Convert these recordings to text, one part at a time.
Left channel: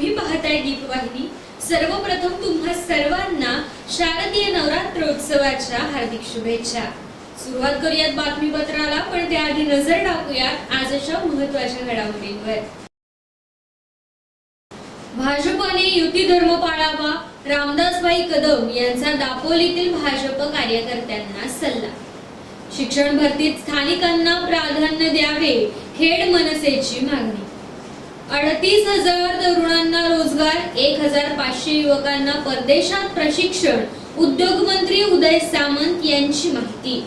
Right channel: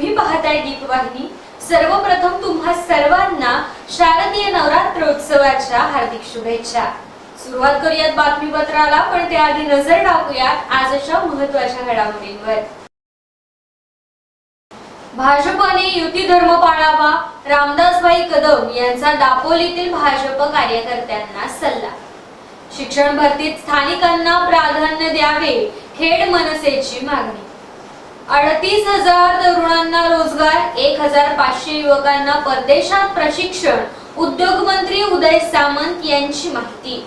तुम्ही पाहताय दीपवाहिनी। सर्वप्रथम तुम्हा सर्वांना शारदीय नवरात्रोत्सवाच्या हार्दिक शुभेच्छा। सुरुवात करूयात बातमीपत्राला, पण त्याआधी नजर टाकूयात आजच्या महत्त्वाच्या घडामोडींवर। भाजपने युती धर्म पाळावा, रामदासभाई कदम यांचा दापोलीतील भाजप कार्यकर्त्यांना सल्ला। शिक्षण भरतीत स्थानिकांना प्राधान्य द्यावे, खेड मनसेची मागणी। 38,000 तरुणांना रोजगार, 1,500 युवकांना परदेशात प्रशिक्षण, उद्योग मंत्री उदय सामंत यांची माहिती।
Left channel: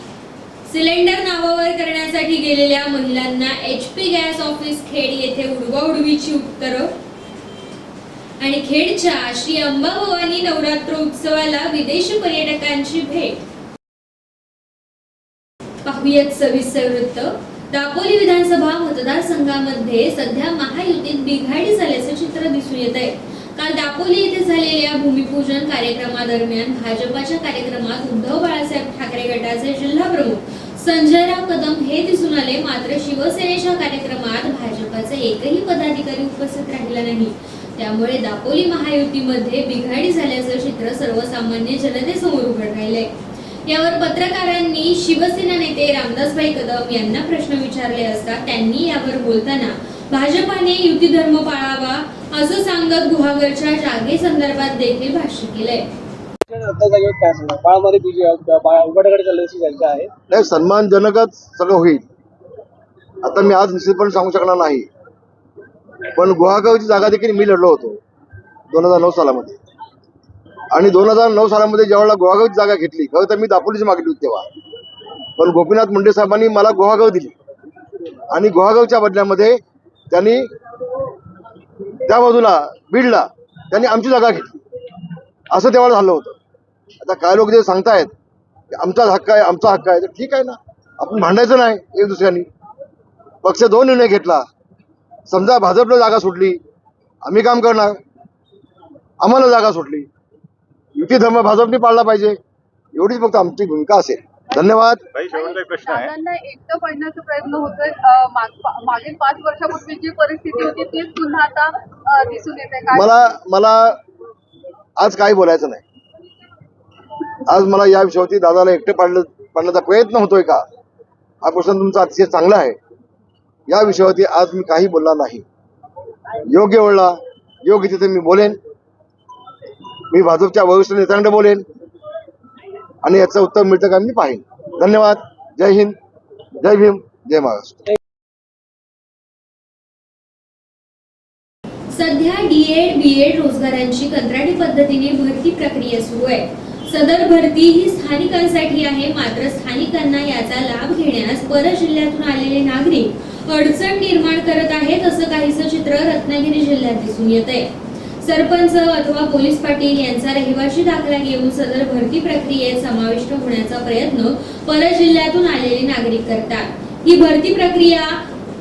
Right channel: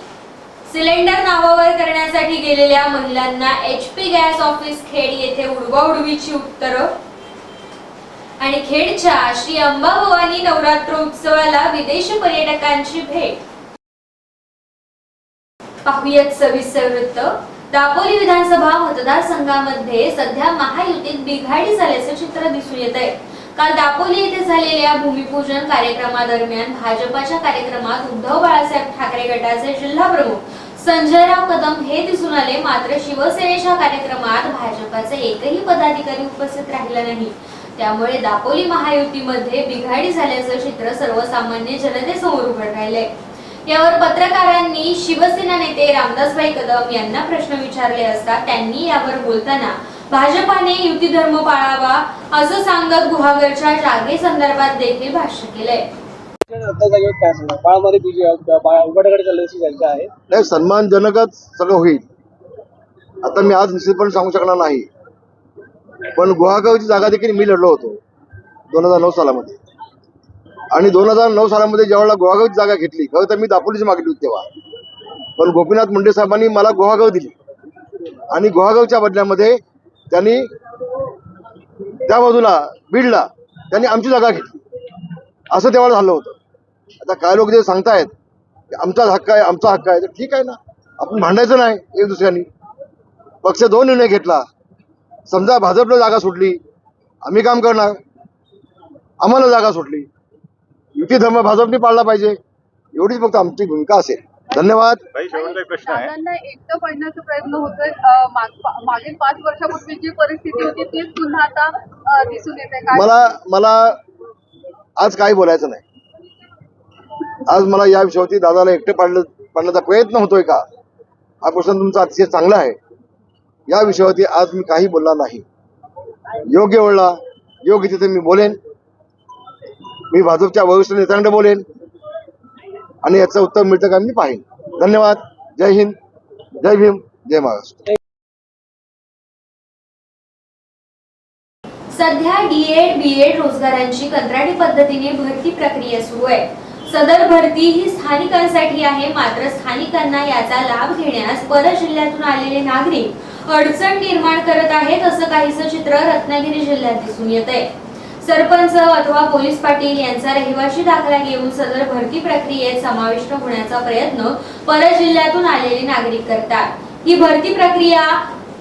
सिलेंडर नावावर करण्यासाठी गेलेल्या महिलांना HP गॅस ऑफिस खेड येथे उडवाउडवीची उत्तरं। आणि खेडच्या श्री अंबाभवानी नवरात्रोत्सवाला विदेशी पर्यटकांची भेट। पाहुयात सविस्तर वृत्त। दापोली विधानसभा मतदारसंघामध्ये सध्या महायुतीत बिघाडी झाल्याचे चित्र दिसून येत आहे। काल दापोली येथे झालेल्या भूमिपूजन कार्यक्रमादरम्यान भाजपाच्या कार्यक्रमात उद्धव बाळासाहेब ठाकरे गटाचे जिल्हा प्रमुख संजयराव कदम हे दिसून आले, मात्र शिवसेनेच्या कार्यक्रमात भाजपाचे एकही पदाधिकारी उपस्थित राहिला नाही। त्यामुळे दापोली महायुतीमध्ये बिघाडी झाल्याचे चित्र सर्वसामान्य जनतेसमोर उघड राहिले। यावर पत्रकारांनी शिवसेना नेते रामदासभाई कदम यांना प्रश्न विचारले असता त्यांनी यावर बोलताना भाजपाने युती धर्म पाळावा असं सांगत गुहागरच्या जागेसंदर्भात देखील भाष्य केलंय। नाही, सन्मानजनकच सगळं होईल। आता मी आज निश्चितपणे सांगू शकणार नाही, पण गुहागावची जागा देखील मी लढलो होतो 2009 सालामध्ये। आणि 2009 सालामध्ये ज्यावेळेला गुहागावची जागा घेतली, खरं तर मी दापोलीची मागणी होती तेव्हा, पण गोपीनाथ मुंडे साहेबांनी मला गुहागाव दिली आणि गुहागावच्या बदल्यामध्ये त्यांनी त्या बाजूला बीडला त्यांनी आमची जागा घेतली, असं त्यावेळेला झालं होतं। आता काय लोक जे सांगतायत की आमचा हक्क आहे, आमचा हक्क आहे, तर ठीक आहे ना, आपण भांडायचं नाही एक दुसऱ्यांनी। पक्ष 2 निर्णय घेतला, समजा भाजपला जागा सुटली, आम्ही काम करणार, आम्हाला जागा सुटली, युती धर्म भाजपने पाळला पाहिजे, एवढीच फक्त आमची भूमिका असेल। धन्यवाद। एकटं पडण्याचा प्रयत्न होतोय। मागील 5 वर्षापूर्वी जी परिस्थिती होती तीच पुन्हा आता दिसून येते। मला आज काही बोलायचं नाही। आज मला या विषयावरती दादाला एकटे पाडण्याचा प्रयत्न होतोय का, हा प्रश्न तुमचा अतिशय चांगला आहे। या विषयावरती आज मी काही बोलणार नाही। योग्य वेळेला योग्य तिथे मी बोलेन, मी भाजपच्या वरिष्ठ नेत्यांकडे बोलेन आणि याचं उत्तर मिळतं का मी पाहिन। धन्यवाद। जय हिंद, जय भीम, जय महाराष्ट्र। सध्या D.Ed. B.Ed. रोजगारांची कंत्राटी पद्धतीने भरती प्रक्रिया सुरू आहे। सदर भरती ही स्थानिकांसाठी आहे, मात्र स्थानिकांना याचा लाभ घेण्यास पर जिल्ह्यातून आलेले नागरिक अडचण निर्माण करत आहेत, असं काहीसं चित्र रत्नागिरी जिल्ह्यात दिसून येत आहे। सरपंच अथवा पोलीस पाटील यांचा रहिवासी दाखला घेऊन सदर भरती प्रक्रियेत समाविष्ट होण्याचा प्रयत्न पर जिल्ह्यातून आलेले नागरिक करतात। ही भरती प्रक्रिया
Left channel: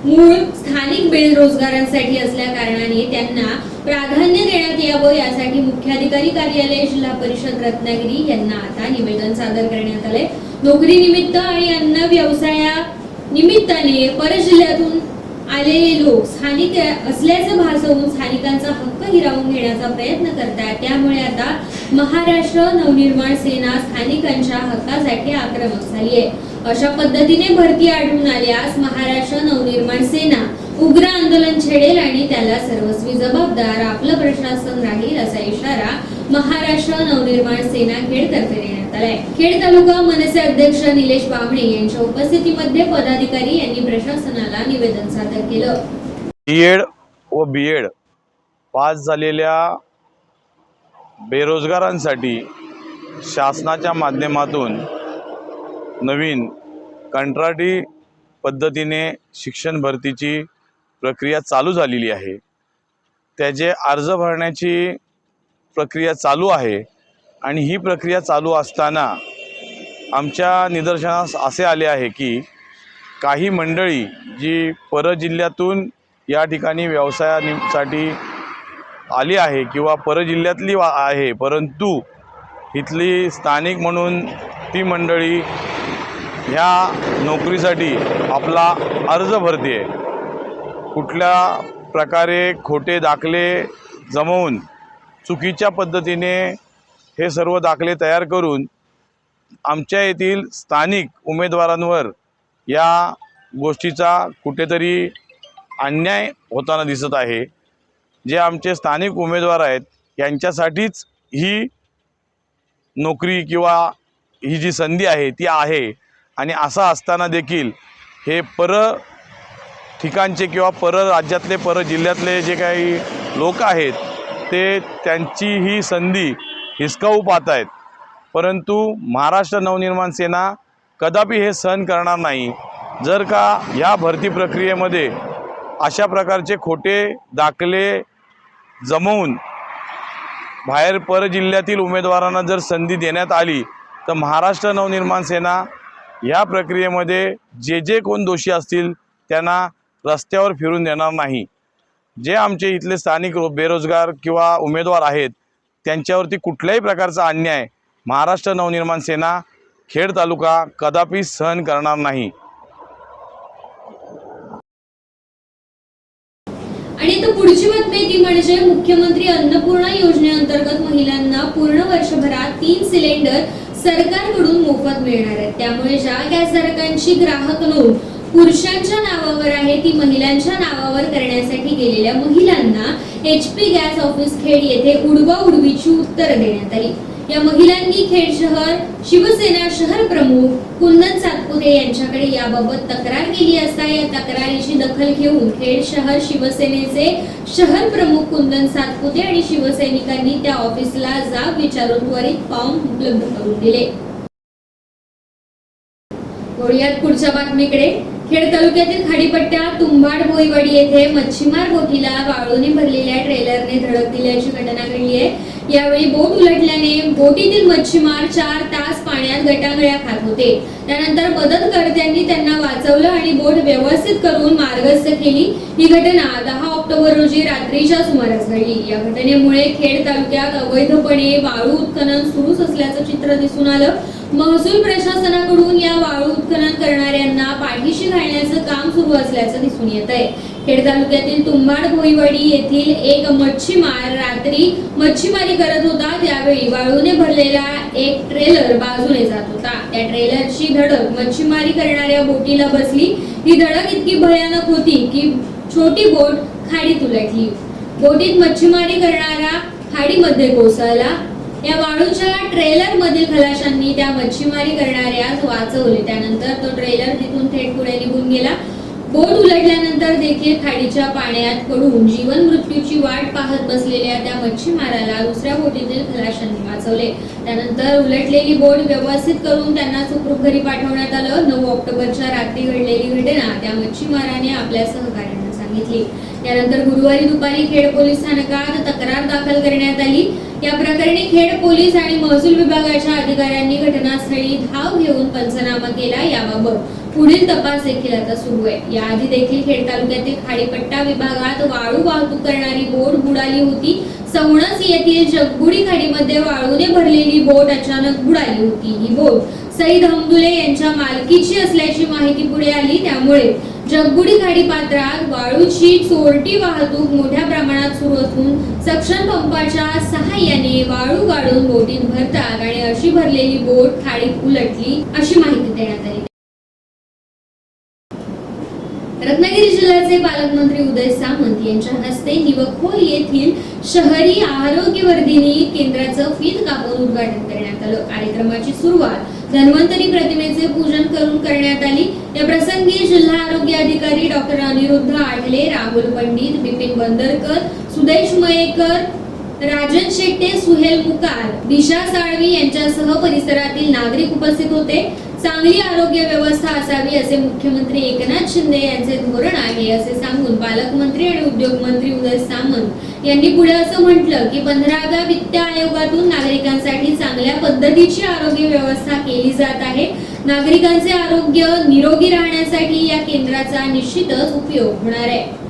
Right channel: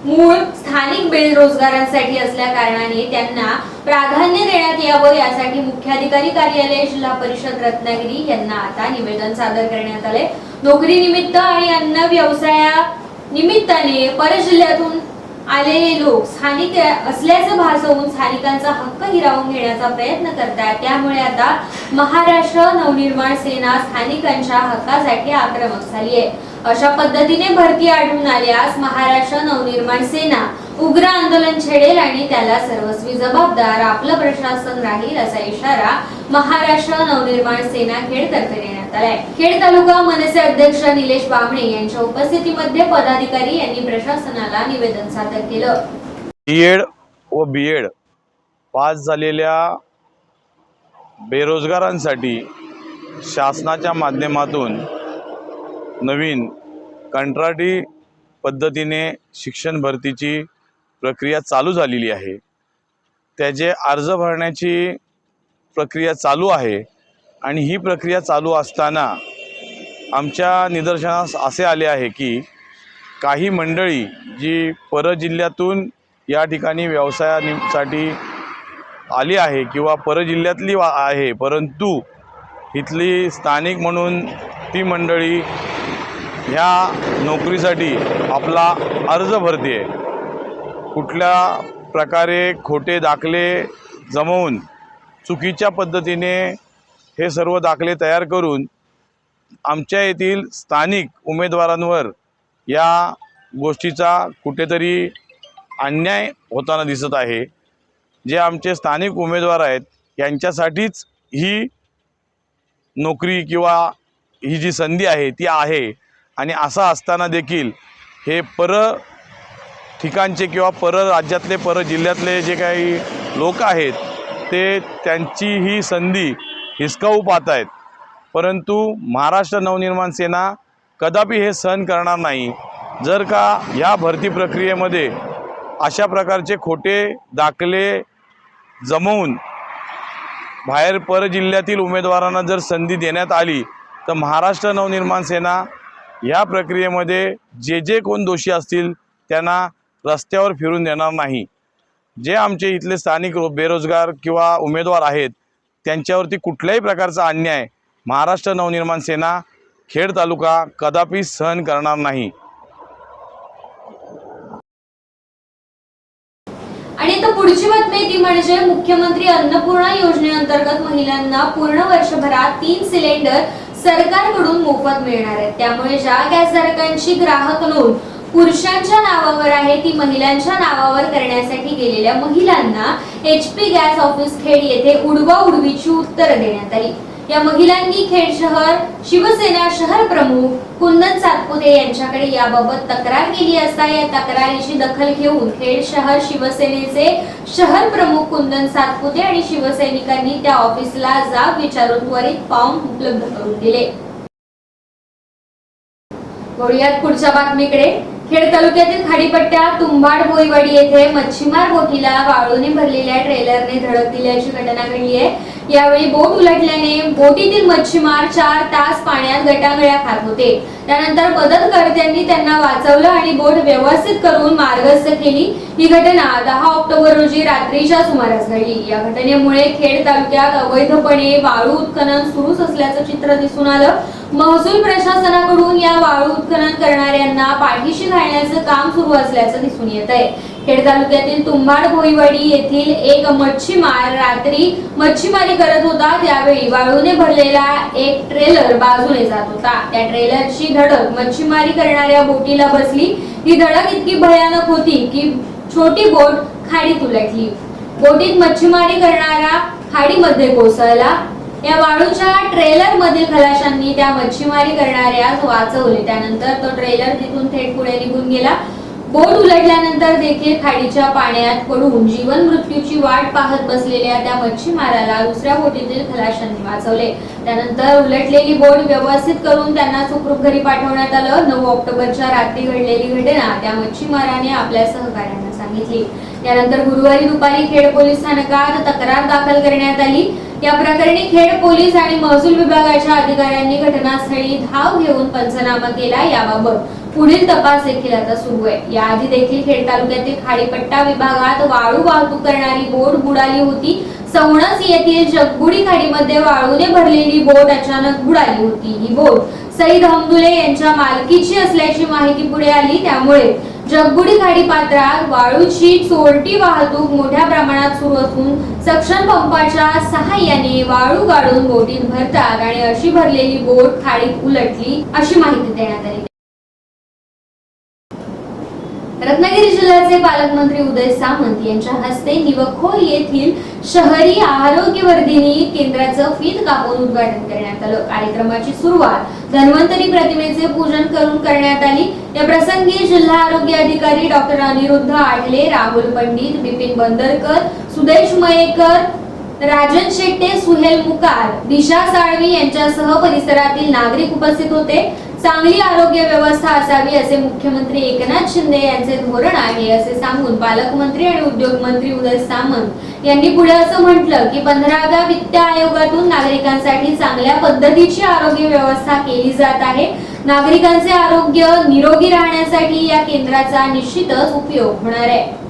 मूळ स्थानिक बेरोजगारांसाठी असल्या कारणाने त्यांना प्राधान्य देण्यात यावं, यासाठी मुख्याधिकारी कार्यालय जिल्हा परिषद रत्नागिरी यांना आता निवेदन सादर करण्यात आले। नोकरी निमित्त आणि अन्न व्यवसाया निमित्ताने पर जिल्ह्यातून आलेले लोक स्थानिक असल्याचं भासवून स्थानिकांचा हक्क हिरावून घेण्याचा प्रयत्न करतात। त्यामुळे आता महाराष्ट्र नवनिर्माण सेना स्थानिकांच्या हक्कासाठी आक्रमक झाली आहे। अशा पद्धतीने भरती आढळून आल्यास महाराष्ट्र नवनिर्माण सेना उग्र आंदोलन छेडेल आणि त्याला सर्वस्वी जबाबदार आपलं प्रशासन राहील, असा इशारा महाराष्ट्र नवनिर्माण सेना खेडतर्फे देण्यात आलाय। खेड तालुका मनसे अध्यक्ष निलेश बामणे यांच्या उपस्थितीमध्ये पदाधिकारी यांनी प्रशासनाला निवेदन सादर केलं। D.Ed. व B.Ed. पास झालेल्या बेरोजगारांसाठी शासनाच्या माध्यमातून नवीन कंत्राटी पद्धतीने शिक्षण भरतीची प्रक्रिया चालू झालेली आहे। त्याचे अर्ज भरण्याची प्रक्रिया चालू आहे आणि ही प्रक्रिया चालू असताना आमच्या निदर्शनास असे आले आहे की काही मंडळी जी परजिल्ह्यातून या ठिकाणी व्यवसायासाठी आली आहे किंवा परजिल्ह्यातली आहे, परंतु इथली स्थानिक म्हणून ती मंडळी ह्या नोकरीसाठी आपला अर्ज भरते। कुठल्या प्रकारे खोटे दाखले जमवून चुकीच्या पद्धतीने हे सर्व दाखले तयार करून आमच्या येथील स्थानिक उमेदवारांवर या गोष्टीचा कुठेतरी अन्याय होताना दिसत आहे। जे आमचे स्थानिक उमेदवार आहेत यांच्यासाठीच ही नोकरी किंवा ही जी संधी आहे ती आहे, आणि असं असताना देखील हे पर ठिकाणचे किंवा पर राज्यातले पर जिल्ह्यातले जे काही लोक आहेत ते त्यांची ही संधी हिसकावू पाहत आहेत। परंतु महाराष्ट्र नवनिर्माण सेना कदापि हे सहन करणार नाही। जर का या भरती प्रक्रियेमध्ये अशा प्रकारचे खोटे दाखले जमवून बाहेर पर जिल्ह्यातील उमेदवारांना जर संधी देण्यात आली तर महाराष्ट्र नवनिर्माण सेना या प्रक्रियेमध्ये जे कोण दोषी असतील त्यांना रस्त्यावर फिरून देणार नाही। जे आमचे इथले स्थानिक बेरोजगार किंवा उमेदवार आहेत त्यांच्यावरती कुठल्याही प्रकारचा अन्याय महाराष्ट्र नवनिर्माण सेना खेड तालुका कदापि सहन करणार नाही। आणि आता पुढची बातमी ती म्हणजे मुख्यमंत्री अन्नपूर्णा योजनेअंतर्गत महिलांना पूर्ण वर्षभरात 3 सिलेंडर सरकारकडून मोफत मिळणार आहेत। त्यामुळे ज्या गॅसधारकांची ग्राहक नोंद पुरुषांच्या नावावर आहे ती महिलांच्या नावावर करण्यासाठी गेलेल्या महिलांना HP गॅस ऑफिस खेड येथे उडवाउडवीची उत्तरं देण्यात आली। या महिलांनी खेड शहर शिवसेना शहर प्रमुख कुंदन सातपुते यांच्याकडे याबाबत तक्रार केली असता या तक्रारीची दखल घेऊन खेड शहर शिवसेनेचे शहर प्रमुख कुंदन सातपुते आणि शिवसैनिकांनी त्या ऑफिसला जाब विचारून त्वरित फॉर्म उपलब्ध करून दिले। वळूयात पुढच्या बातमीकडे। खेड तालुक्यातील खाडीपट्ट्या तुंबाड बोईवाडी येथे मच्छीमार बोटीला वाळूने भरलेल्या ट्रेलरने धडक दिल्याची घटना घडली आहे। यावेळी बोट उलटल्याने बोटीतील मच्छीमार 4 तास पाण्यात गटांगळ्या खात होते। त्यानंतर मदतकर्त्यांनी त्यांना वाचवलं आणि बोट व्यवस्थित करून मार्गस्थ केली। ही घटना 10 ऑक्टोबर रोजी रात्रीच्या सुमारास घडली। या घटनेमुळे खेड तालुक्यात अवैधपणे वाळू उत्खनन सुरूच असल्याचं चित्र दिसून आलं। महसूल प्रशासनाकडून या वाळू उत्खनन करणाऱ्यांना पाठीशी घालण्याचं काम सुरू असल्याचं दिसून येत आहे। खेड तालुक्यातील तुंबाड भोईवाडी येथील एक मच्छीमार रात्री मच्छीमारी करत होता। त्यावेळी वाळूने भरलेला एक ट्रेलर बाजूने जात होता। त्या ट्रेलरची धडक मच्छीमारी करणाऱ्या बोटीला बसली। ही धडक इतकी भयानक होती की छोटी बोट खाडीत उलटली। बोटीत मच्छीमारी करणारा खाडीमध्ये कोसळला। या वाळूच्या ट्रेलर मधील खलाशांनी त्या मच्छीमारी करणाऱ्यास वाचवले। त्यानंतर तो ट्रेलर तिथून थेट पुढे निघून गेला। बोट उलटल्यानंतर देखील खाडीच्या पाण्यात पडून जीवन मृत्यूची वाट पाहत बसलेल्या त्या मच्छीमाराला दुसऱ्या बोटीतील खलाशांनी वाचवले। त्यानंतर उलटलेली बोट व्यवस्थित करून त्यांना सुखरूप घरी पाठवण्यात आलं। 9 ऑक्टोबरच्या रात्री घडलेली घटना त्या मच्छीमाराने आपल्या सहकाऱ्यांना सांगितली। त्यानंतर गुरुवारी दुपारी खेड पोलीस स्थानकात तक्रार दाखल करण्यात आली। या प्रकरणी खेड पोलीस आणि महसूल विभागाच्या अधिकाऱ्यांनी घटनास्थळी धाव घेऊन पंचनामा केला। याबाबत पुढील तपास देखील आता सुरू आहे। याआधी देखील खेड तालुक्यातील खाडीपट्टा विभागात वाळू वाहतूक करणारी बोट बुडाली होती। सवणस येथील जगबुडी खाडीमध्ये वाळूने भरलेली बोट अचानक बुडाली होती। ही बोट सईद हमदुले यांच्या मालकीची असल्याची माहिती पुढे आली। त्यामुळे जगबुडी खाडी पात्रात वाळूची चोरटी वाहतूक मोठ्या प्रमाणात सुरू असून सक्शन पंपाच्या सहाय्याने वाळू गाडून बोटीत भरतात आणि अशी भरलेली बोट खाडीत उलटली अशी माहिती देण्यात आली। रत्नागिरी जिल्ह्याचे पालकमंत्री उदय सामंत यांच्या हस्ते निवखोल येथील शहरी आरोग्यवर्धिनी केंद्राचं फीत कापून उद्घाटन करण्यात आलं। कार्यक्रमाची सुरुवात धन्वंतरी प्रतिमेचे पूजन करून करण्यात आली। या प्रसंगी जिल्हा आरोग्य अधिकारी डॉक्टर अनिरुद्ध आढले, राहुल पंडित, बिपिन बंदरकर, सुदेश मयेकर, राजन शेट्टे, सुहेल मुकार, दिशा साळवी यांच्यासह परिसरातील नागरिक उपस्थित होते। चांगली आरोग्य व्यवस्था असावी असे मुख्यमंत्री एकनाथ शिंदे यांचे धोरण आहे असे सांगून पालकमंत्री आणि उद्योग मंत्री उदय सामंत यांनी पुढे असं म्हटलं की 15व्या वित्त आयोगातून नागरिकांसाठी चांगल्या पद्धतीची आरोग्य व्यवस्था केली जात आहे। नागरिकांचे आरोग्य निरोगी राहण्यासाठी या केंद्राचा निश्चितच उपयोग होणार आहे।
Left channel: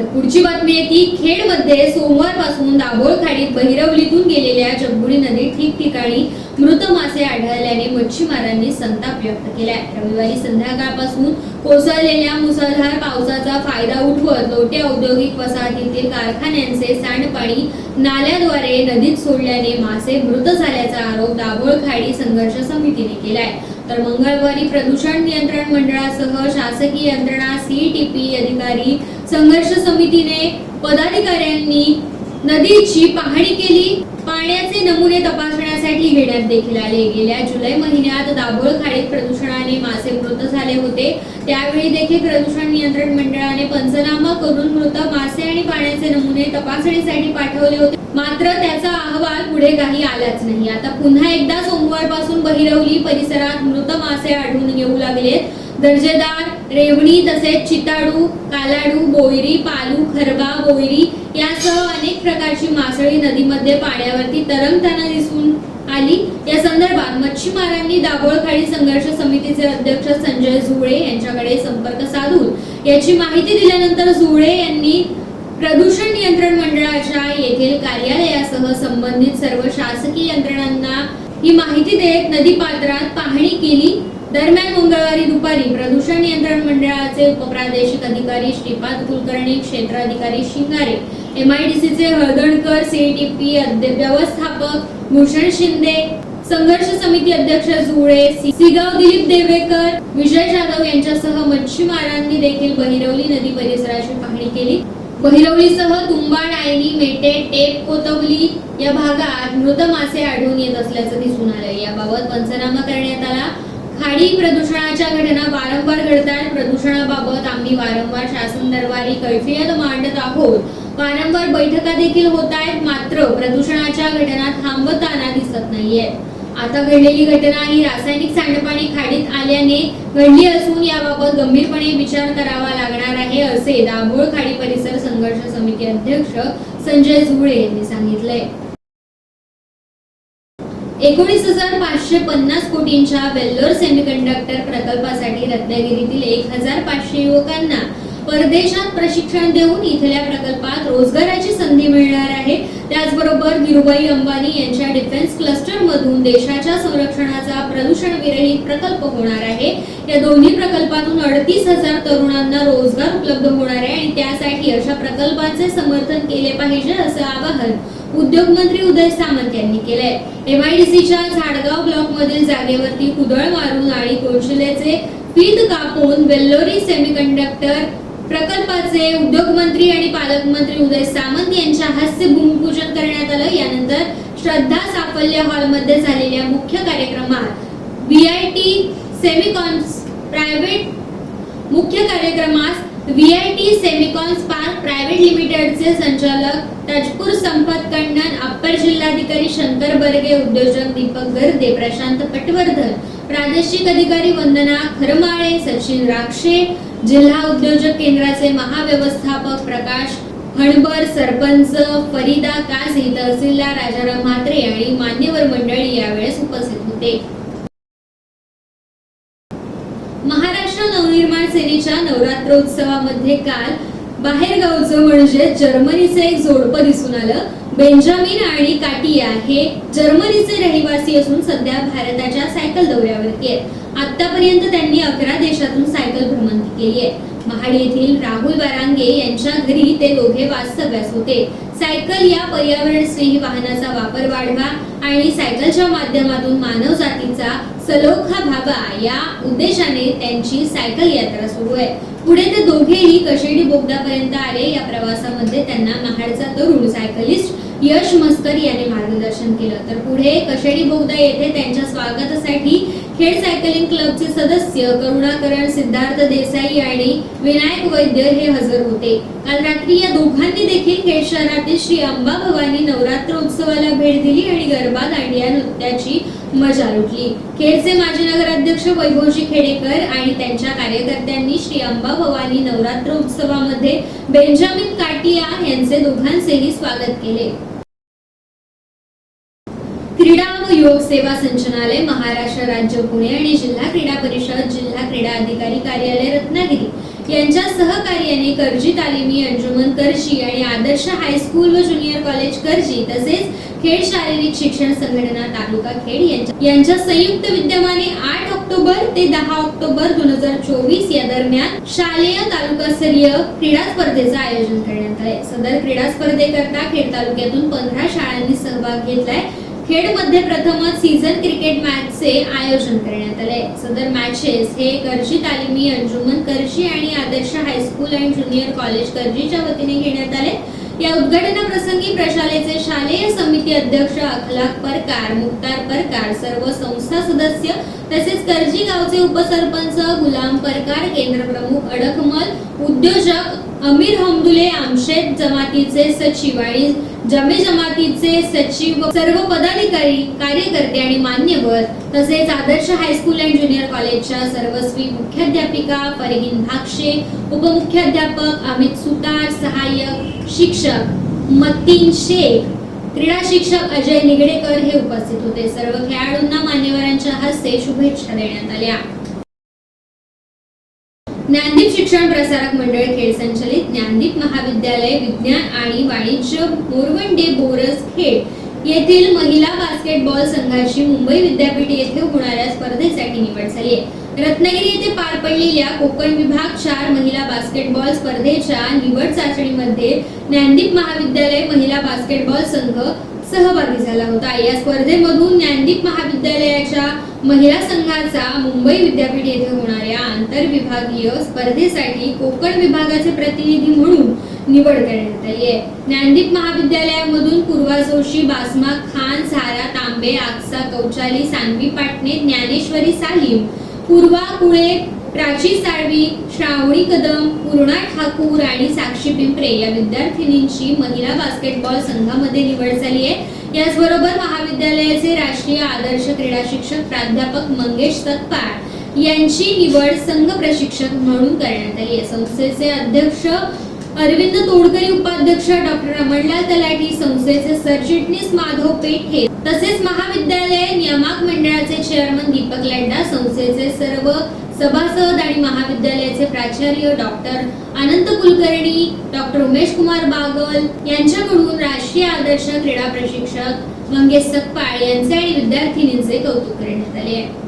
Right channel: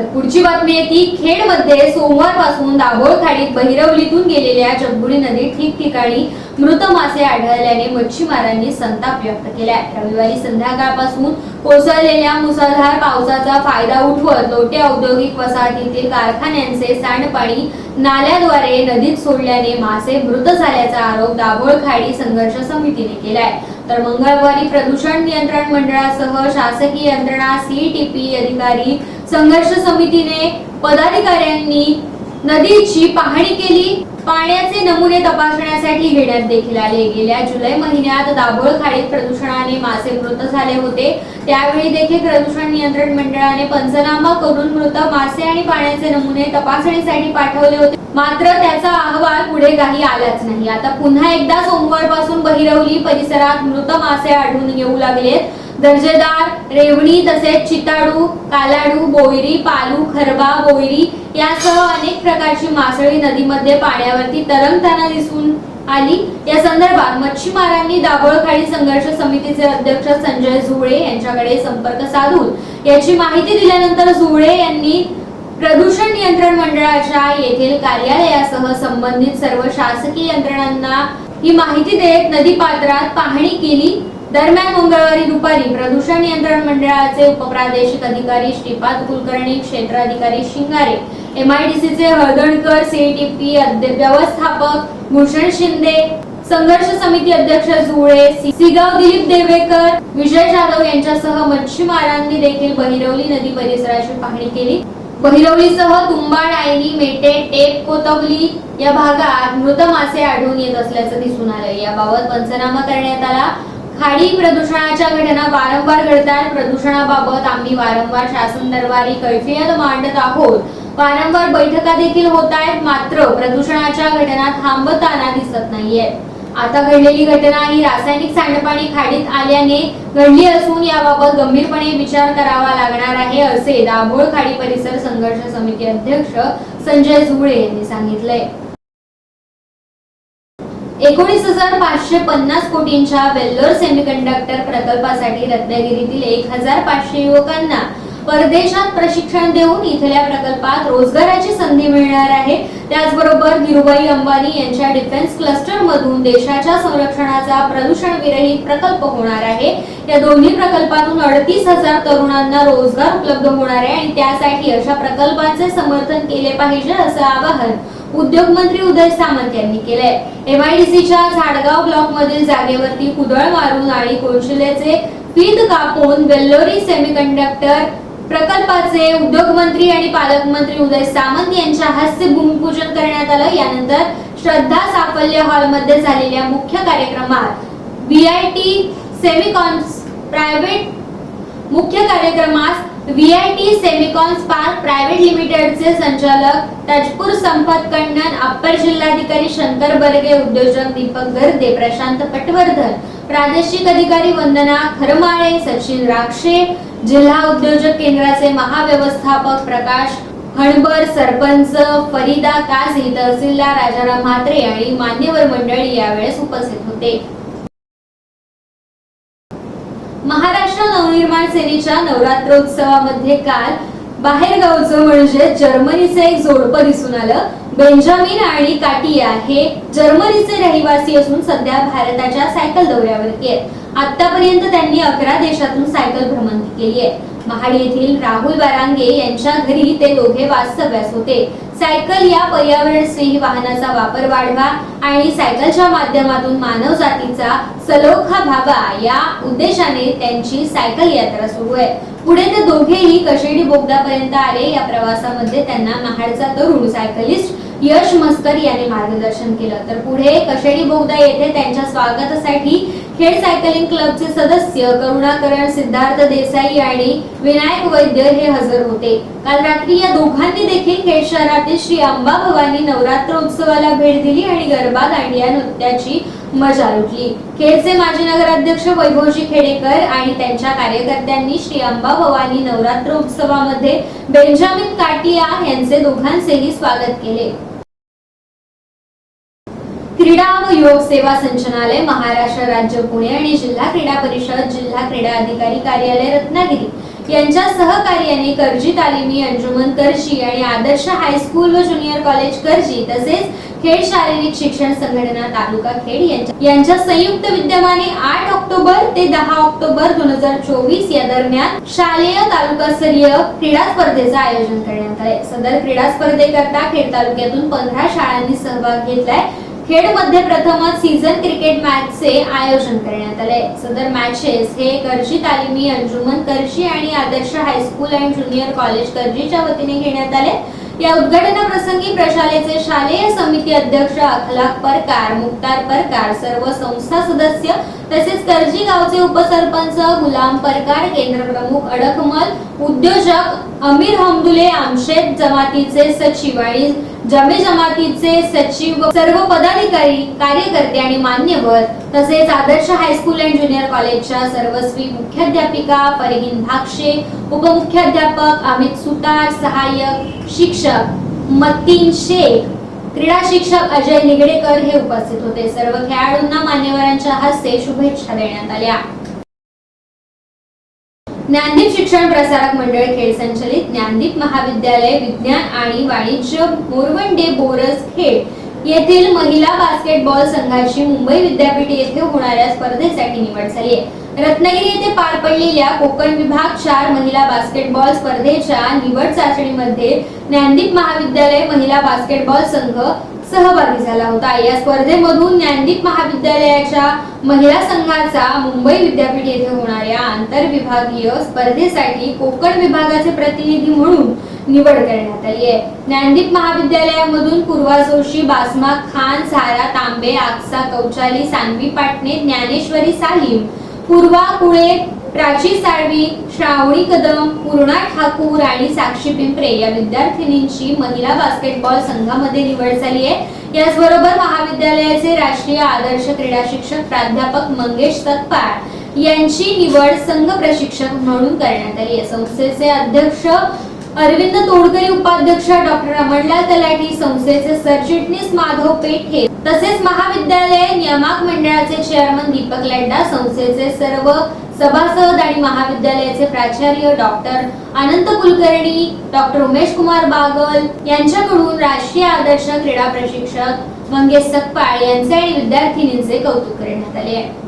तर पुढची बातमी आहे ती खेडमध्ये सोमवारपासून दाभोळ खाडीत बहिरवलीतून गेलेल्या जगबुडी नदीत ठिकठिकाणी मृत मासे आढळल्याने मच्छीमारांनी संताप व्यक्त केलाय. रविवारी संध्याकाळपासून कोसळलेल्या मुसळधार पावसाचा फायदा उठवत लोटे औद्योगिक वसाहतीतील कारखान्यांचे सांडपाणी नाल्याद्वारे नदीत सोडल्याने मासे मृत झाल्याचा आरोप दाभोळ खाडी संघर्ष समितीने केलाय. तर मंगळवारी प्रदूषण नियंत्रण मंडळासह शासकीय यंत्रणा CTP अधिकारी संघर्ष समितीने पदाधिकाऱ्यांनी नदीची पाहणी केली. पाण्याचे नमुने तपासण्यासाठी घेण्यात देखील आले. गेल्या जुलै महिन्यात दाभोळ खाडीत प्रदूषणाने मासे मृत झाले होते. त्यावेळी देखील प्रदूषण नियंत्रण मंडळाने पंचनामा करून मृत मासे आणि पाण्याचे नमुने तपासणीसाठी पाठवले होते, मात्र त्याचा अहवाल पुढे काही आलाच नाही. आता पुन्हा एकदा सोमवारपासून बहिरवली परिसरात मृत मासे आढळून येऊ लागलेत. दर्जेदार रेवणी तसेच चिताडू, कालाडू, बोयरी, पालू, खरबा, बोयरी यासह अनेक प्रकारची मासळी नदीमध्ये पाण्यावरती तरंगताना दिसून आली. या संदर्भात मच्छीमारांनी दाभोळ खाडी संघर्ष समितीचे अध्यक्ष संजय झुळे यांच्याकडे संपर्क साधून याची माहिती दिल्यानंतर झुळे यांनी प्रदूषण नियंत्रण मंडळाच्या येथील कार्यालयासह संबंधित सर्व शासकीय यंत्रणांना ही माहिती देत नदी पात्रात पाहणी केली. दरम्यान मंगळवारी दुपारी प्रदूषण नियंत्रण मंडळाचे उपप्रादेशिक अधिकारी श्रीपाद कुलकर्णी, क्षेत्र अधिकारी शिंगारे, MIDCचे हळदणकर, CTP व्यवस्थापक भूषण शिंदे, संघर्ष समिती अध्यक्ष जुळे, सिगाव दिलीप देवेकर, विजय जाधव यांच्यासह मच्छीमारांनी देखील बहिरवली नदी परिसराची पाहणी केली. बहिरवलीसह तुंबाड, आयनी, मेटे, टेप, कोतवली या भागात मृत मासे आढळून येत असल्याचं दिसून आलं. याबाबत पंचनामा करण्यात आला. खाडी प्रदूषणाच्या घटना वारंवार घडतात. प्रदूषणाबाबत आम्ही वारंवार शासन दरबारी कैफियत मांडत आहोत. वारंवार बैठका देखील होत आहेत, मात्र प्रदूषणाच्या घटना थांबताना दिसत नाहीयेत. आता घडलेली घटना ही रासायनिक सांडपाणी खाडीत आल्याने घडली असून याबाबत गंभीरपणे विचार करावा लागणार आहे, असे दाभोळ खाडी परिसर संघर्ष समिती अध्यक्ष संजय झुळे यांनी सांगितलंय. 19,550 कोटींच्या वेल्लोर सेमीकंडक्टर प्रकल्पासाठी रत्नागिरीतील 1,500 युवकांना परदेशात प्रशिक्षण देऊन इथल्या प्रकल्पात रोजगाराची संधी मिळणार आहे. त्याचबरोबर धीरूभाई अंबानी यांच्या डिफेन्स क्लस्टर मधून देशाच्या संरक्षणाचा प्रदूषण विरहित प्रकल्प होणार आहे. या दोन्ही प्रकल्पातून 38,000 तरुणांना रोजगार उपलब्ध होणार आहे आणि त्यासाठी अशा प्रकल्पांचे समर्थन केले पाहिजे असं आवाहन उद्योग मंत्री उदय सामंत यांनी केलंय. MIDCच्या झाडगाव ब्लॉक मधील जागेवरती कुदळ मारून आणि कोळशिलेचे फीत कापून वेल्लोरी सेमीकंडक्टर प्रकल्पाचे उद्योग मंत्री आणि पालकमंत्री उदय सामंत यांच्या हस्ते भूमिपूजन करण्यात आलं. यानंतर श्रद्धा साफल्य हॉल मध्ये झालेल्या मुख्य कार्यक्रमात VIT सेमिकॉन स्पार्क प्रायव्हेट लिमिटेडचे संचालक तजपूर संपत कन्नन, अप्पर जिल्हाधिकारी शंकर बर्गे, उद्योजक दीपक गर्दे, प्रशांत पटवर्धन, प्रादेशिक अधिकारी वंदना खरमाळे, सचिन राक्षे, जिल्हा उद्योजक केंद्राचे महाव्यवस्थापक प्रकाश हणबर, सरपंच फरीदा काझी, तहसीलदार राजाराम म्हात्रे आणि मान्यवर मंडळी यावेळेस उपस्थित होते. महाराष्ट्र नवनिर्माण सेनेच्या नवरात्रोत्सवामध्ये काल बाहेरगावचं म्हणजे जर्मनीचं एक जोडपं दिसून आलं. बेंजामिन आणि काटिया हे जर्मनीचे रहिवासी असून सध्या भारताच्या सायकल दौऱ्यावरती आहेत. आतापर्यंत त्यांनी 11 देशातून सायकल भ्रमंती केली आहे. महाड येथील राहुल बारांगे यांच्या घरी ते दोघे वास्तव्यास होते. सायकल या पर्यावरण स्नेही वाहनाचा वापर वाढवा आणि सायकलच्या माध्यमातून मानव जातीचा सलोखा व्हावा या उद्देशाने त्यांची सायकल यात्रा सुरू आहे. पुढे ते दोघेही कशेडी बोगद्यापर्यंत आले. या प्रवासामध्ये त्यांना महाडचा तरुण सायकलिस्ट यश मस्कर याने मार्गदर्शन केलं. तर पुढे कशेडी बोगदा येथे त्यांच्या स्वागतासाठी खेड सायकलिंग क्लबचे सदस्य करुणाकरण, सिद्धार्थ देसाई आणि विनायक वैद्य हे हजर होते. काल रात्री या दोघांनी देखील खेड शहरातील श्री अंबा भवानी नवरात्र उत्सवाला भेट दिली आणि गरबा, दांडिया नृत्याची मजा लुटली. खेडचे माजी नगराध्यक्ष वैभवजी खेडेकर आणि त्यांच्या कार्यकर्त्यांनी श्री अंबा भवानी नवरात्र उत्सवामध्ये बेंजामिन काटिया यांचे दोघांचेही स्वागत केले. क्रीडा व युवक सेवा संचालनालय, महाराष्ट्र राज्य पुणे आणि जिल्हा क्रीडा परिषद, जिल्हा क्रीडा अधिकारी कार्यालय रत्नागिरी यांच्या सहकार्याने कर्जी तालिमी अंजुमन कर्जी आणि आदर्श हायस्कूल व ज्युनियर कॉलेज कर्जी तसेच खेड शारीरिक शिक्षण संघटना तालुका खेड यांच्या संयुक्त विद्यमाने 8 ऑक्टोबर ते 10 ऑक्टोबर 2024 या दरम्यान शालेय तालुकास्तरीय क्रीडा स्पर्धेचे आयोजन करण्यात आले। सदर क्रीडा स्पर्धेकरता खेड तालुक्यातून 15 शाळांनी सहभाग घेतलाय। खेड मध्ये प्रथमच सीझन क्रिकेट मॅचचे आयोजन करण्यात आले। सदर मॅचेस हे कर्जी तालिमी अंजुमन कर्जी आणि आदर्श हायस्कूल अँड ज्युनियर कॉलेज कर्जीच्या वतीने घेण्यात आले। या उद्घाटनाप्रसंगी प्रशालेचे शालेय समिती अध्यक्ष अखलाक परकार, मुक्तार परकार, सर्व संस्था सदस्य तसेच कर्जी गावचे उपसरपंच गुलाम परकार, केंद्र प्रमुख अडकमल, उद्योजक अमीर हमदुले, आमशेद जमातीचे सचिव आणि जमे जमातीचे सचिव, सर्व पदाधिकारी, कार्यकर्ते आणि मान्यवर तसेच आदर्श हायस्कूल अँड ज्युनियर कॉलेजच्या सर्वस्वी मुख्याध्यापिका फरहीन भाक्षे, उपमुख्याध्यापक अमित सुतार, सहाय्यक शिक्षक मतीन शेख, क्रीडा शिक्षक अजय निगडेकर हे उपस्थित होते। सर्व खेळाडूंना मान्यवरांच्या हस्ते शुभेच्छा देण्यात आल्या। ज्ञानदीप शिक्षण प्रसारक मंडळ खेड संचलित ज्ञानदीप महाविद्यालय विज्ञान आणि वाणिज्य मोरवंडे बोरस खेड येथील महिला बास्केटबॉल संघाची मुंबई विद्यापीठ येथे होणाऱ्या स्पर्धेसाठी निवड झाली आहे। रत्नागिरी येथे पार पडलेल्या कोकण विभाग 4 महिला बास्केटबॉल स्पर्धेच्या निवड चाचणीमध्ये ज्ञानदीप महाविद्यालय महिला बास्केटबॉल संघ सहभागी झाला होता। या स्पर्धेमधून ज्ञानदीप महाविद्यालयाच्या महिला संघाचा मुंबई विद्यापीठ येथे होणाऱ्या आंतरविभागीय स्पर्धेसाठी कोकण विभागाचे प्रतिनिधी म्हणून निवड करण्यात आली आहे। ज्ञानदीप महाविद्यालयामधून पूर्वा जोशी, बासमा खान, सारा तांबे, आक्सा कौचाली, सानवी पाटणे, ज्ञानेश्वरी सालीम, पूर्वा कुळे, प्राची साळवी, श्रावणी कदम, पूर्णा ठाकूर आणि साक्षी पिंपरे या विद्यार्थिनींची महिला बास्केटबॉल संघामध्ये निवड झाली आहे। याचबरोबर महाविद्यालयाचे राष्ट्रीय आदर्श क्रीडा शिक्षक प्राध्यापक मंगेश सकपाळ यांची निवड संघ प्रशिक्षक म्हणून करण्यात आली आहे। संस्थेचे अध्यक्ष अरविंद तोडकरी, उपाध्यक्ष डॉक्टर अमरलाल तलाठी, संस्थेचे सरचिटणीस माधव पेठे तसेच महाविद्यालय नियामक मंडळाचे चेअरमन दीपक लड्डा, संस्थेचे सर्व सभासद आणि महाविद्यालयाचे प्राचार्य डॉक्टर अनंत कुलकर्णी, डॉक्टर उमेश कुमार बागल यांच्याकडून राष्ट्रीय आदर्श क्रीडा प्रशिक्षक मंगेश सकपाळ यांचे आणि विद्यार्थिनींचे कौतुक करण्यात आले आहे।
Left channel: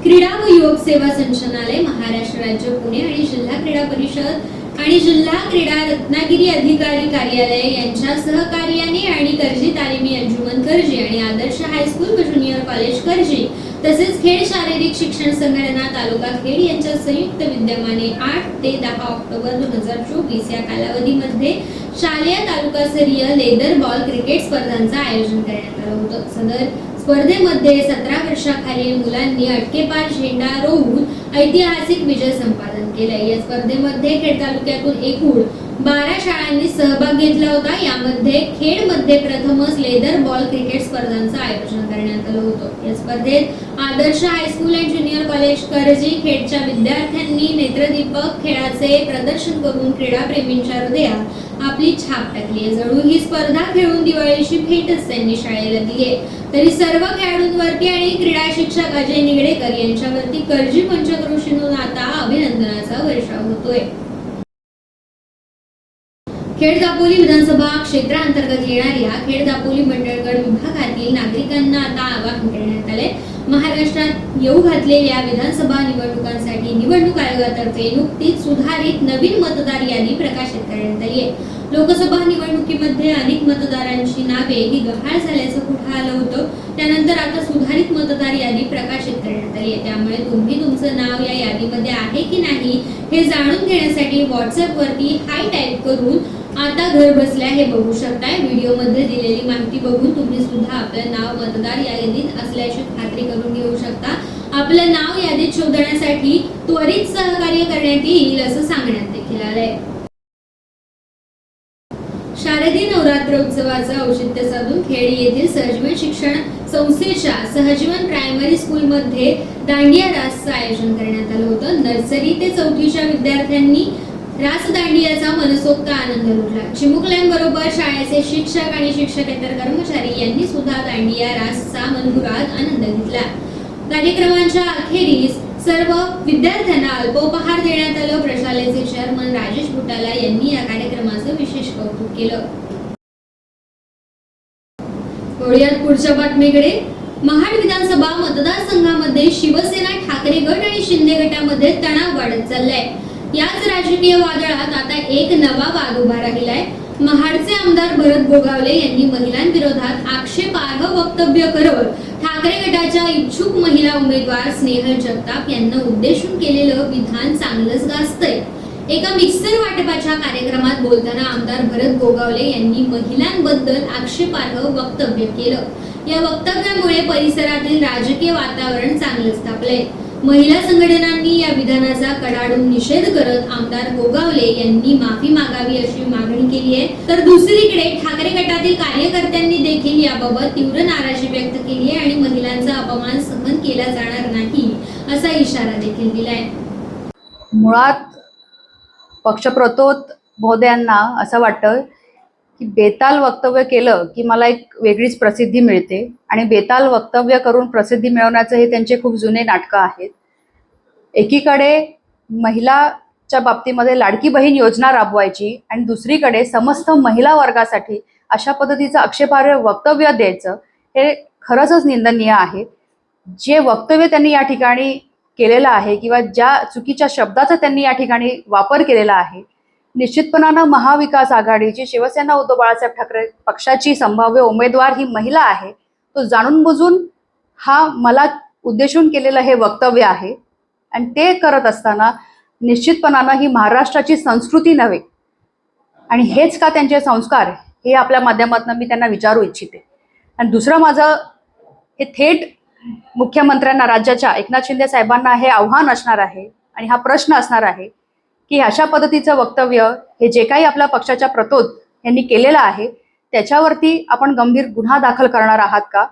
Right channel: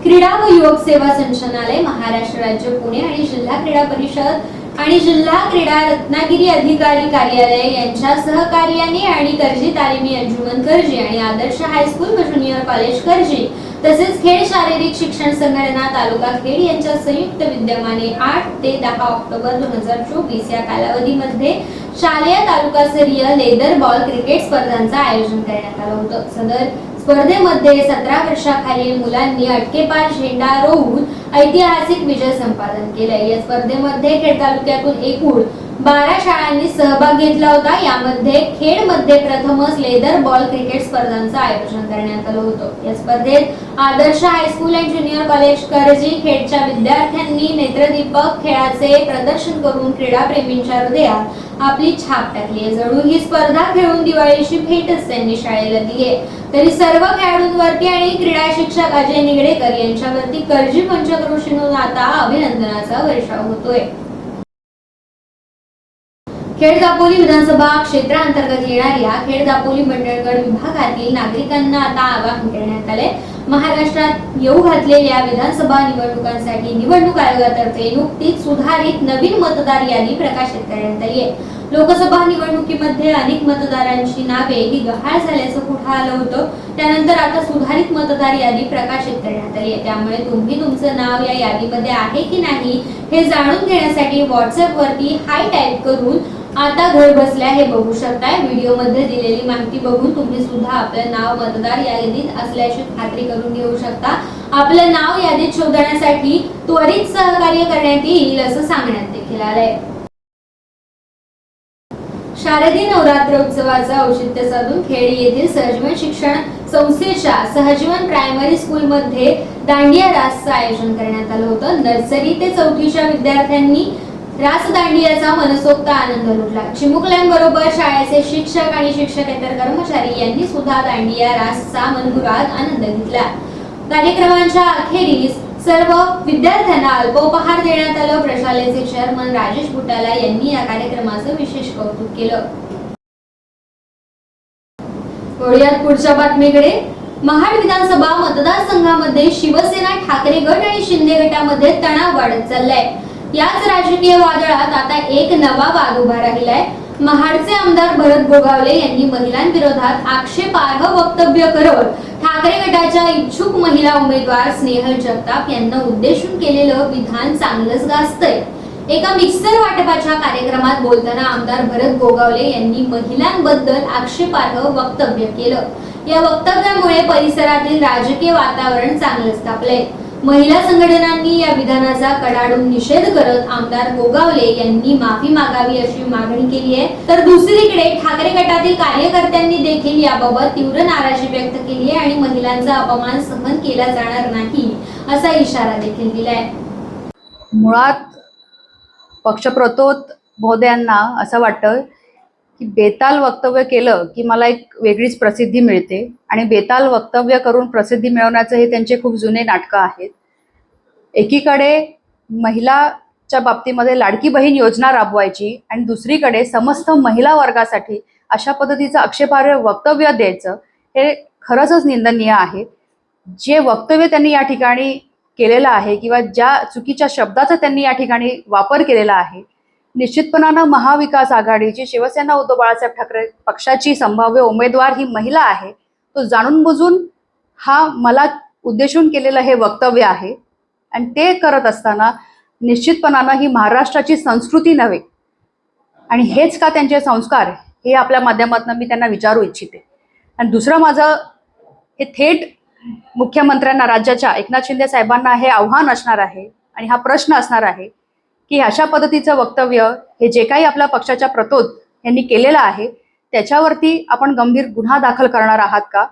क्रीडा व युवक सेवा संचालनालय, महाराष्ट्र राज्य पुणे आणि जिल्हा क्रीडा परिषद आणि जिल्हा क्रीडा रत्नागिरी अधिकारी कार्यालय यांच्या सहकार्याने आणि कर्जी तालिमी अंजुमन कर्जी आणि आदर्श हायस्कूल व ज्युनियर कॉलेज कर्जी तसेच खेड शारीरिक शिक्षण संघटना तालुका खेड यांच्या संयुक्त विद्यमाने 8 ते 10 ऑक्टोबर 2024 या कालावधीमध्ये शालेय तालुकास्तरीय लेदर बॉल क्रिकेट स्पर्धांचं आयोजन करण्यात आलं होतं। सदर स्पर्धेमध्ये 17 वर्षाखालील मुलांनी अटकेपार झेंडा रोवून ऐतिहासिक विजय संपादन केलाय। या स्पर्धेमध्ये खेड तालुक्यातून एकूण 12 शाळांनी सहभाग घेतला होता। यामध्ये खेडमध्ये प्रथमच लेदर बॉल क्रिकेट स्पर्धांचं आयोजन करण्यात आलं होतं। या स्पर्धेत आदर्श हायस्कूल अँड ज्युनियर कॉलेज कर्जी खेडच्या विद्यार्थ्यांनी नेत्रदीपक खेळाचे प्रदर्शन करून क्रीडाप्रेमींच्या हृदयात आपली छाप टाकली आहे। जणू ही स्पर्धा खेळून दिवाळीची भेटच त्यांनी शाळेला दिली आहे। तरी सर्व खेळाडूंवरती आणि क्रीडा शिक्षक अजय निगडेकर यांच्यावरती कर्जी पंचक्रोशीतून आता अभिनंदनाचा वर्षाव होतोय। खेड दापोली विधानसभा क्षेत्रांतर्गत येणाऱ्या खेड दापोली मंडळगड विभागातील नागरिकांना आता आवाहन करण्यात आले। महाराष्ट्रात येऊ घातलेल्या विधानसभा निवडणुकांसाठी निवडणूक आयोगातर्फे नुकतीच सुधारित नवीन मतदार यादी प्रकाशित करण्यात आली आहे। लोकसभा निवडणुकीमध्ये अनेक मतदारांची नावे ही गहाळ झाल्याचं पुढे आलं होतं। त्यानंतर आता सुधारित मतदार यादी प्रकाशित करण्यात आली आहे। त्यामुळे तुम्ही तुमचं नाव या यादीमध्ये आहे की नाही हे जाणून घेण्यासाठी व्हॉट्सअप वरती हाय टाइप करून आता घर बसल्या हे बघू शकताय। व्हिडिओ मध्ये दिलेली माहिती बघून तुम्ही सुद्धा आपलं नाव मतदार यादीत असल्याची खात्री करून घेऊ शकता। आपलं नाव यादीत शोधण्यासाठी त्वरित सहकार्य करण्यात येईल असं सांगण्यात देखील आलंय। शारदीय नवरात्र उत्सवाचा औचित्य साधून खेड येथील सहजीवन शिक्षण संस्थेच्या सहजीवन प्रायमरी स्कूल मध्ये दांडिया रासचं आयोजन करण्यात आलं होतं। नर्सरी ते 4थीच्या विद्यार्थ्यांनी रास दांडियाचा मनसोक्त आनंद लुटला। चिमुकल्यांबरोबर शाळेचे शिक्षक आणि शिक्षकेतर कर्मचारी यांनी सुद्धा दांडिया रासचा मनमुराद आनंद घेतला। कार्यक्रमाच्या अखेरीस सर्व विद्यार्थ्यांना अल्पोपहार देण्यात आलं. प्रशालेचे चेअरमन राजेश बुटाला यांनी या कार्यक्रमाचं विशेष कौतुक केलं. वळूयात पुढच्या बातमीकडे. महाड विधानसभा मतदारसंघामध्ये शिवसेना, ठाकरे गट आणि शिंदे गटामध्ये तणाव वाढत चाललाय. याच राजकीय वादळात आता एक नवा वाद उभा राहिलाय. महाडचे आमदार भरत गोगावले यांनी महिलांविरोधात आक्षेपार्ह वक्तव्य करत ठाकरे गटाच्या इच्छुक महिला उमेदवार स्नेहल जगताप यांना उद्देशून केलेलं विधान चांगलंच गाजतंय. एका मिक्सर वाटपाच्या कार्यक्रमात बोलताना आमदार भरत गोगावले यांनी महिलांबद्दल आक्षेपार्ह वक्तव्य केलं. या वक्तव्यामुळे परिसरातील राजकीय वातावरण चांगलंच तापलंय. महिला संघटनांनी या विधानाचा कडाडून निषेध करत आमदार गोगावले यांनी माफी मागावी अशी मागणी केली आहे. तर दुसरीकडे ठाकरे गटातील कार्यकर्त्यांनी देखील याबाबत तीव्र नाराजी व्यक्त केली आहे आणि महिलांचा अपमान सहन केला जाणार नाही असा इशारा देखील दिलाय. मुळात पक्षप्रतोद महोदयांना असं वाटतं की बेताल वक्तव्य केलं की मला एक वेगळीच प्रसिद्धी मिळते आणि बेताल वक्तव्य करून प्रसिद्धी मिळवण्याचं हे त्यांचे खूप जुने नाटकं आहेत. एकीकडे महिलाच्या बाबतीमध्ये लाडकी बहीण योजना राबवायची आणि दुसरीकडे समस्त महिला वर्गासाठी अशा पद्धतीचं आक्षेपार्ह वक्तव्य द्यायचं हे खरंच निंदनीय आहे. जे वक्तव्य त्यांनी या ठिकाणी केलेलं आहे किंवा ज्या चुकीच्या शब्दाचा त्यांनी या ठिकाणी वापर केलेला आहे, निश्चितपणानं महाविकास आघाडीची शिवसेना उद्धव बाळासाहेब ठाकरे पक्षाची संभाव्य उमेदवार ही महिला आहे. तो जाणून बुजून हा मला उद्देशून केलेलं हे वक्तव्य आहे आणि ते करत असताना निश्चितपणानं ही महाराष्ट्राची संस्कृती नव्हे आणि हेच का त्यांचे संस्कार हे आपल्या माध्यमातून मी त्यांना विचारू इच्छिते. आणि दुसरं माझं हे थेट मुख्यमंत्र्यांना, राज्याच्या एकनाथ शिंदे साहेबांना हे आव्हान असणार आहे आणि हा प्रश्न असणार आहे की अशा पद्धतीचं वक्तव्य हे जे काही आपल्या पक्षाच्या प्रतोद यांनी केलेलं आहे त्याच्यावरती आपण गंभीर गुन्हा दाखल करणार आहात का,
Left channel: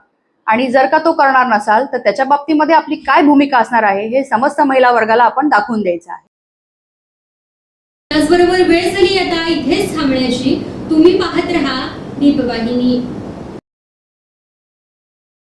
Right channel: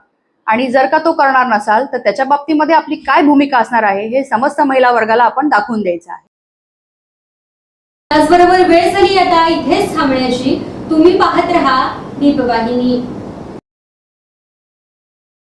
आणि जर का तो करणार नसाल तर त्याच्या बाबतीमध्ये आपली काय भूमिका असणार आहे हे समस्त महिला वर्गाला आपण दाखवून द्यायचं आहे. त्याचबरोबर वेळ झाली आता इथेच थांबण्याची. तुम्ही पाहत रहा दीपवाहिनी.